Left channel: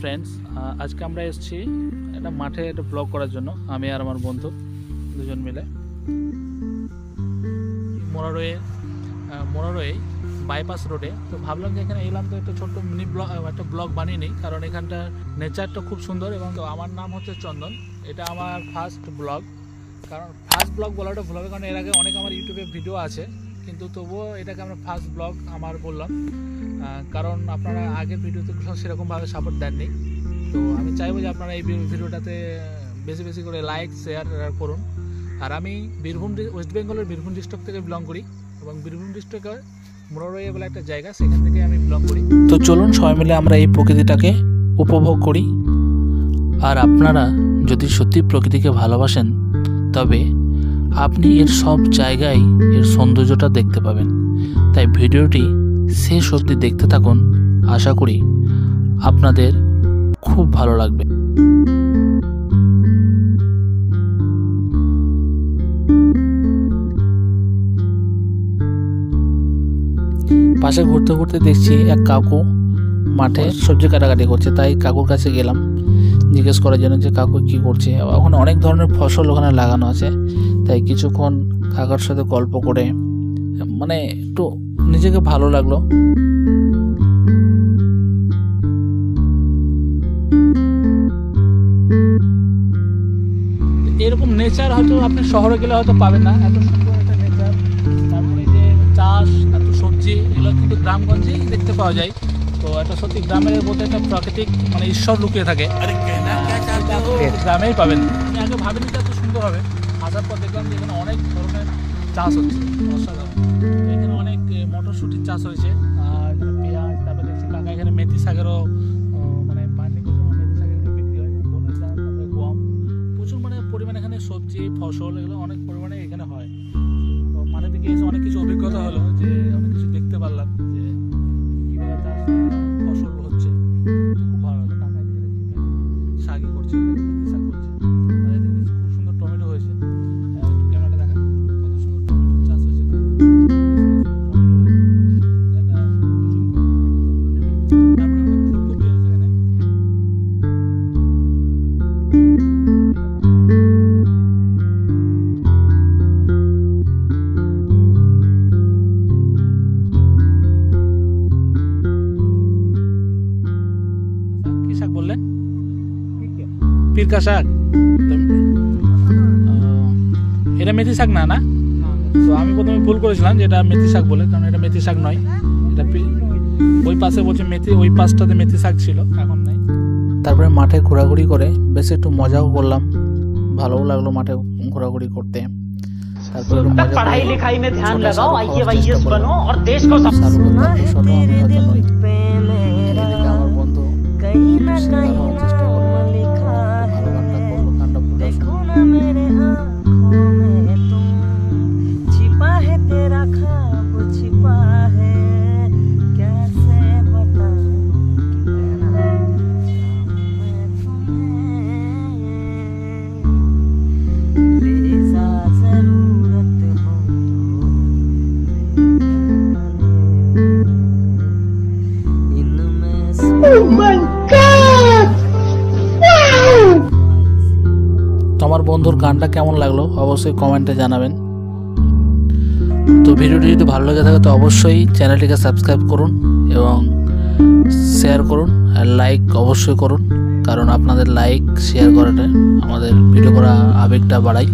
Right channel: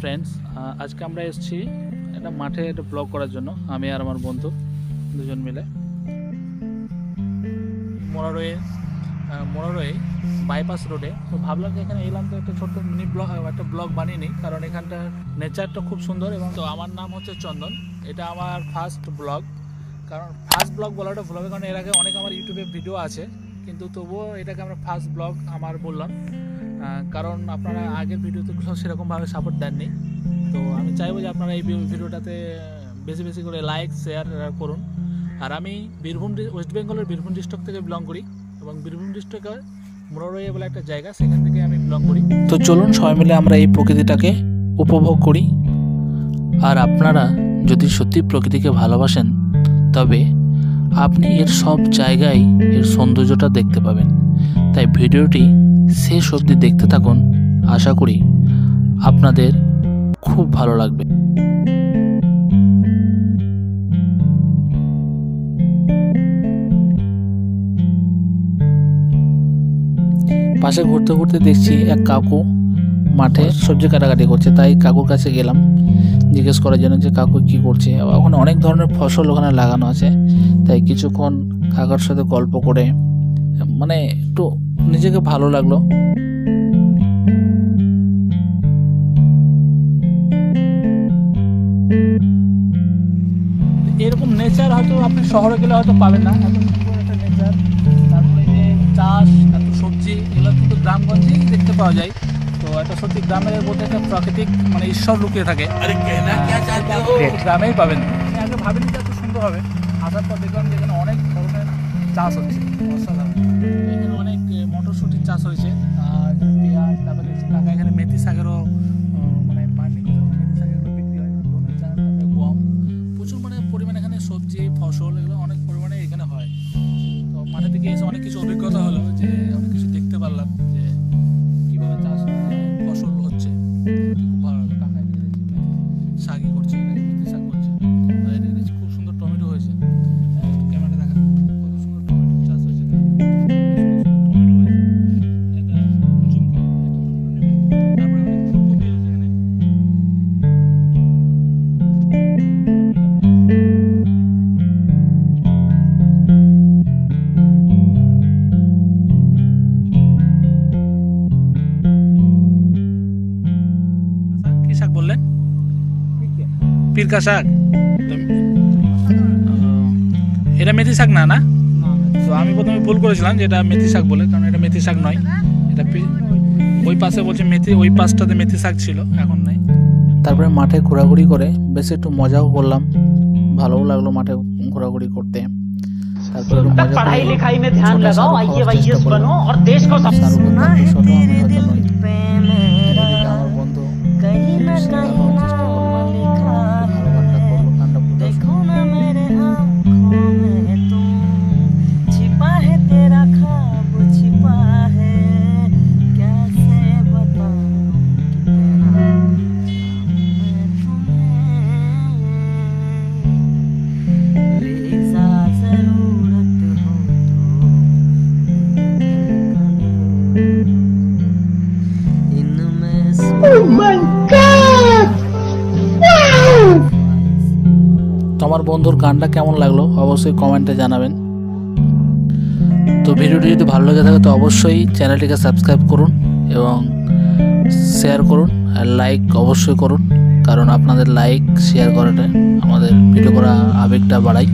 Friends, আজকে আমরা এসেছি একটা মাঠে একটা ব্লগ করার জন্য, আমি আর আমার বন্ধু দুজন মিলে মোরারোয়ে বাইপাস রোডে। তো ভাবলাম যে এখানে এলাম তো একটা ছোট্ট মিনি ব্লগ বানিয়ে নিই, কারণ এখানটা নেচারটা খুব সুন্দর। এবং তো আমার নাম হচ্ছে চন্দন, এটা আমার ফার্স্ট ব্লগ। কারণ ফার্স্ট ব্লগ বলাটা ভুল হবে, কারণ এর আগে অনেক আমার ইউটিউবে ভিডিও আছে, কিন্তু তবুও এটাকে আমরা ফার্স্ট ব্লগ আমার বললাম, কারণ আপনারা আগের ভিডিওতে সেরকমভাবে সাপোর্ট দেননি। তো আমি চাইবো যে আপনারা এই ভিডিওটাতে বেশি বেশি করে লাইক শেয়ার করুন। আর আমি ওয়েস্ট বেঙ্গলের বীরভূম ডিস্ট্রিক্ট থেকে বিলং করি, এবং বীরভূম ডিস্ট্রিক্টে মোরারোয়ে বলে একটা জায়গা, সেখান থেকে আমি বিলং করি। তো চলুন সবাই মিলে আমরা এই প্রকৃতিটাকে উপভোগ করি। আর আপনারা যদি সত্যি প্রকৃতিকে ভালোবাসেন, তবে আপনি এর সব জায়গায় এর সৌন্দর্যটা দেখতে পাবেন। তাই ভিডিওটি শেষ অবধি দেখতে থাকুন, আশা করি আপনাদের খুব ভালো লাগবে। পাশে ঘুরতে ঘুরতে দেখছি এক কাকু মাঠে সবজি কাটাকাটি করছে, তাই কাকুর কাছে গেলাম জিজ্ঞেস করার জন্য যে কাকু কি করছে। ওখানে অনেক ধরনের ফসল ওখানে লাগানো আছে, তাই কিছুক্ষণ কাকার সাথে গল্প করে মানে একটু নিজেকে ভালো লাগলো। এরকম নেচার হয়তো আপনি শহরে গেলে হয়তো পাবেন না, এত সুন্দর একটা নেচার। তারপরে যে চাষ, এত সবজি, এগুলো কিন্তু গ্রামগঞ্জেই দেখতে পাওয়া যায়। তো একটা সত্যি গ্রামের মধ্যে একটা প্রাকৃতিক মানে ঈশ্বর লুকিয়ে থাকে, গ্রামেই পাবেন। আমি আগে ভাবিনি যে এত সুন্দর হবে, আসার পর দেখলাম যে এখানে অনেক ধরনের চাষ হচ্ছে, অসাধারণ। এখানে অনেক মটরশুটির চাষ হয়েছে, আর পেঁয়াজ, তারপরে কাকা এখানে মেথি শাকেরও মানে মেথি শাকের বিক্রি হয়, বোনের চাষ, তারপরে গম, প্রচুর মানে পরিমাণে এখানে সবজি ফসল এগুলো অনেক পরিমাণে এখানে হয়। তো মাঠে থেকে এসে অনেক কিছু অভিজ্ঞতা হলো, যে অনেক কিছু দেখতে পারলাম যে কীভাবে চাষ ফসল হচ্ছে। খুব ভালো লাগলো। কাকা এদিকে দেখছি শাকই করছে, মেথি শাক করছে, আর এদিকে দেখছি খুব সুন্দর টমেটো হয়েছে। ক্যামেরাটা দেখা চাষ হয়েছে, শাক বললেন পিরকা শাক, এটা মেথি শাক না? না, তো আমি প্রথমে ভুল করেছিলাম যে এটা মেথি শাক বলে, কারণ এটা মেথি শাক নয়। এটা ওই পাশে বলছে মেথি, ওই পাশটাতে মেথি শাক ছিল, এখন নাই। তারপরে মাঠে ঘোরাঘুরি করে বেশ একটু মজাও করলাম, ভালোও লাগলো মাঠে ঘোরাঘুরি করতে। তারপরে पढ़ाई लिखाई में ध्यान लगाओ, IAS बनो और देश को ছোট আমি হয়তো নই। এদিকে আমার বন্ধু একটু শেখার হওয়ার চেষ্টা করলো, ভালো গানটা করলো, গানটা পুরো छिपा है तेरा ख्वाब, छिपा है कैसे बताऊं कितना मैं तुम्हें लिसा जरूरत हो तो इनमें Oh my God! তো আমার বন্ধুর গানটা কেমন লাগলো অবশ্যই কমেন্টে জানাবেন। তো ভিডিওটি যদি ভালো লেগে থাকে তো অবশ্যই চ্যানেলটিকে সাবস্ক্রাইব করুন এবং শেয়ার করুন, আর লাইক অবশ্যই করুন, কারণ আপনাদের লাইক শেয়ার করাটা আমাদের ভিডিও করা আবেগটা বাড়ায়।